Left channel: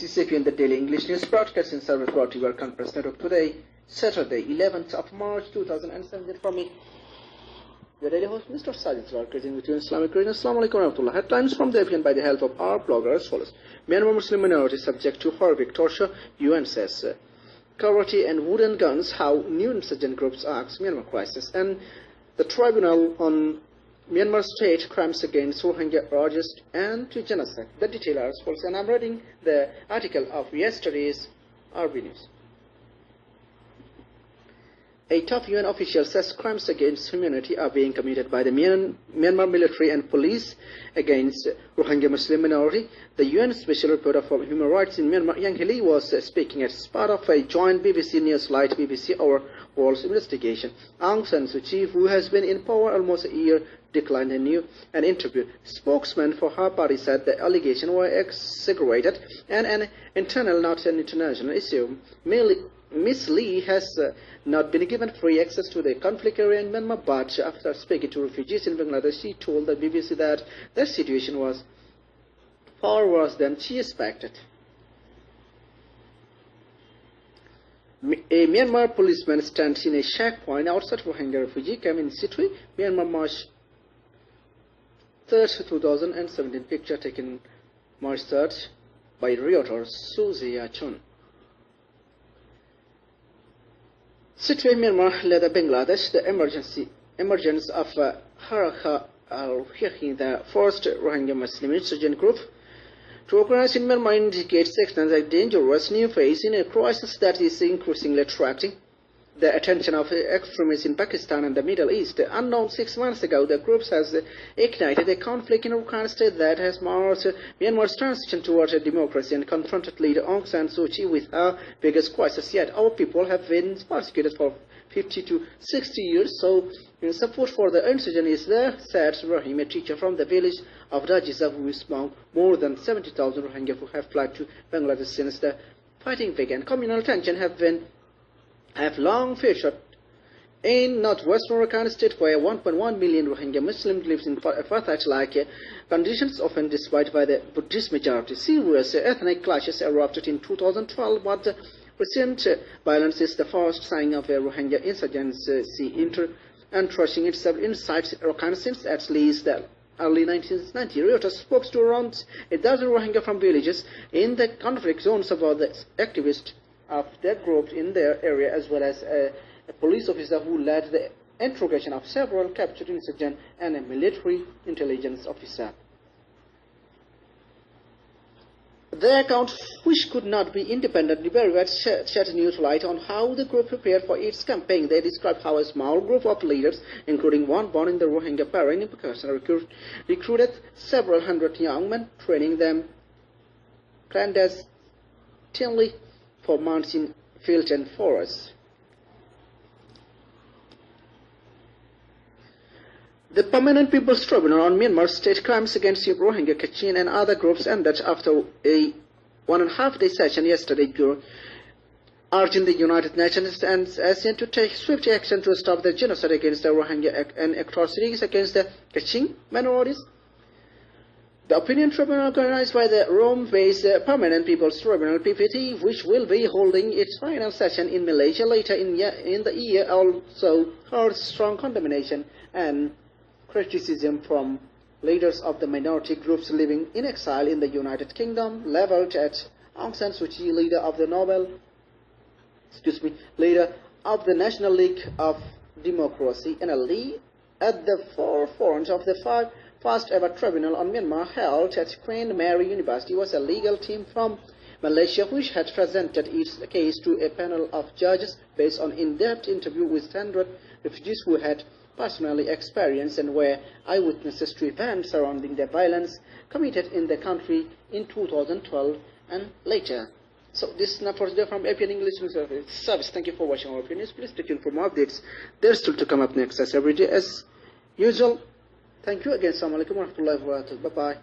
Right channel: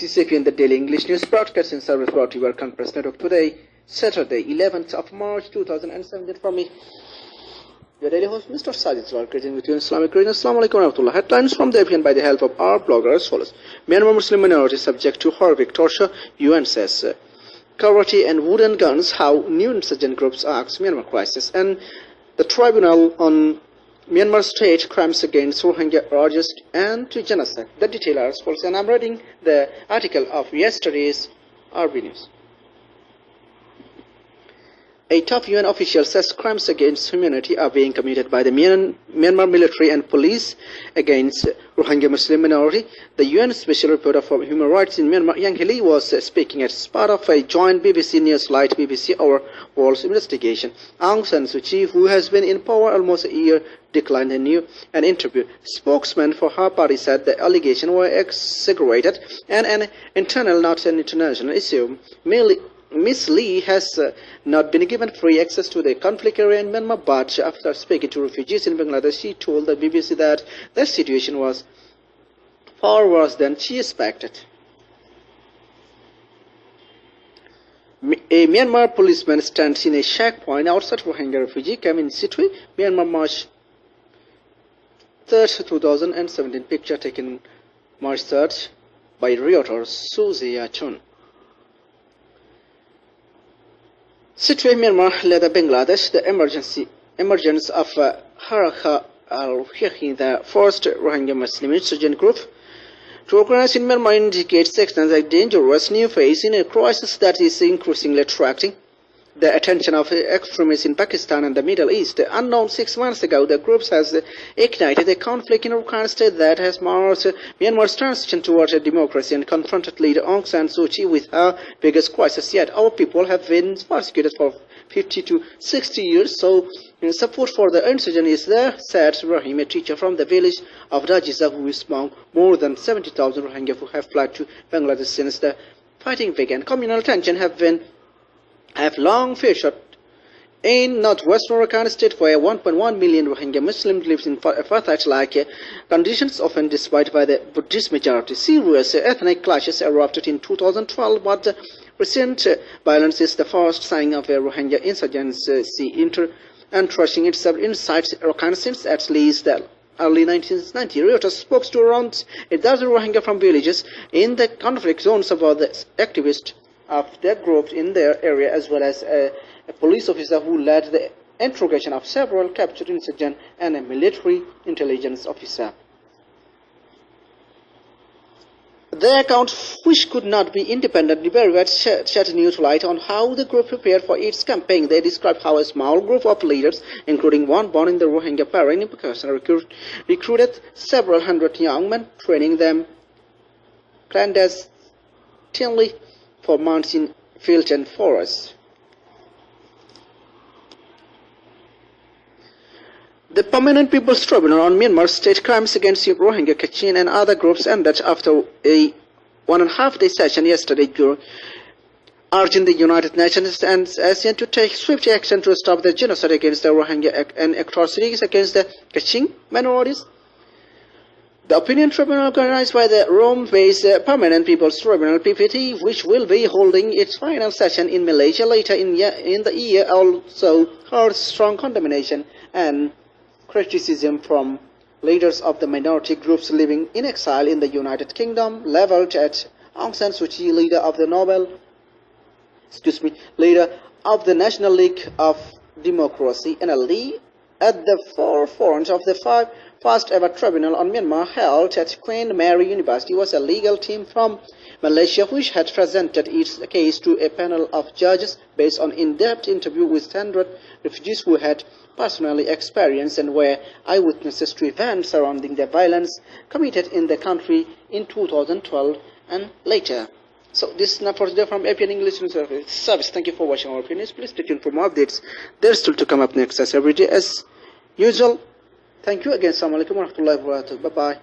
This is APN, the Daily English News Broadcasting Service brought to you by Arakan Press Network today, Saturday, 11th of March 2017. For me, your daily host, Mr. Sajid Zalkar, with you in Islamic region. Assalamu alaikum wa rahmatullah. Headlines from the APN by the help of our blogger as follows. Myanmar Muslim minority subject to horrific torture, UN says. Karate and wooden guns, how new insurgent groups ask Myanmar crisis. And the tribunal on Myanmar state crimes against Rohingya urges and to genocide. The detail are as follows, and I'm reading the article of yesterday's RB News. A top UN official says crimes against humanity are being committed by the Myanmar military and police against Rohingya Muslim minority. The UN Special Reporter for Human Rights in Myanmar, Yang Hili, was speaking as part of a joint BBC Newslight BBC Our World's investigation. Aung San Suu Kyi, who has been in power almost a year, declined an interview. Spokesman for her party said the allegations were exaggerated and an internal, not an international issue. Ms. Lee has not been given free access to the conflict area in Myanmar, but after speaking to refugees in Bangladesh, she told the BBC that the situation was far worse than she expected. A Myanmar policeman stands in a checkpoint outside Rohingya refugee camp in Sitwe, Myanmar, March 3rd, 2017. Picture taken March 3rd by Realtor Suzia Chun. Sitwe, Myanmar, led Bangladesh, the emergence of Arakan al-Hihi, the first Rohingya Muslim insurgent group to organize in Myanmar, indicates a dangerous new phase in a crisis that is increasingly attracting the attention of extremists in Pakistan and the Middle East. Unknown 6 months ago, the group has ignited a conflict in Arakan state that has marked Myanmar's transition towards a democracy and confronted leader Aung San Suu Kyi with her biggest crisis yet. Our people have been persecuted for 50 to 60 years, so support for the insurgent is there, said Rahim, a teacher from the village of Rajiza, who is among more than 70,000 Rohingya who have fled to Bangladesh since the fighting began. Communal tension have long featured in northwestern Arakan state, where 1.1 million Rohingya Muslims live in apartheid-like conditions, often displaced by the Buddhist majority. Serious ethnic clashes erupted in 2012, but the recent violence is the first sign of a Rohingya insurgency entrenching itself inside Arakan since at least the early 1990s. Reuters spoke to around a dozen Rohingya from villages in the conflict zones about the activists of their group in their area, as well as a police officer who led the interrogation of several captured insurgents and a military intelligence officer. Their account, which could not be independently verified, shed new light on how the group prepared for its campaign. They described how a small group of leaders, including one born in the Rohingya Parent in Pakistan, recruited several hundred young men, training them clandestinely for months in fields and forests. The Permanent People's Tribunal on Myanmar state crimes against Rohingya, Kachin and other groups ended after a 1.5-day session yesterday, urging the United Nations and ASEAN to take swift action to stop the genocide against the Rohingya and atrocities against the Kachin minorities. The opinion tribunal, organized by the Rome-based Permanent People's Tribunal (PPT), which will be holding its final session in Malaysia later in the year, also heard strong condemnation and criticism from leaders of the minority groups living in exile in the United Kingdom, leveled at Aung San Suu Kyi, leader of the National League of Democracy, NLD, at the forefront of the first ever tribunal on Myanmar held at Queen Mary University was a legal team from Malaysia, which had presented its case to a panel of judges based on in-depth interview with 100 refugees who had personally experienced and were eyewitnesses to events surrounding the violence committed in the country in 2012 and later. So this is not for today from APN English News Service. Thank you for watching our opinions. Please stay tuned for more updates. There's still to come up next as every day as usual. Thank you again. Assalamu alaikum wa rahmatullahi wa barakatuh. Bye-bye.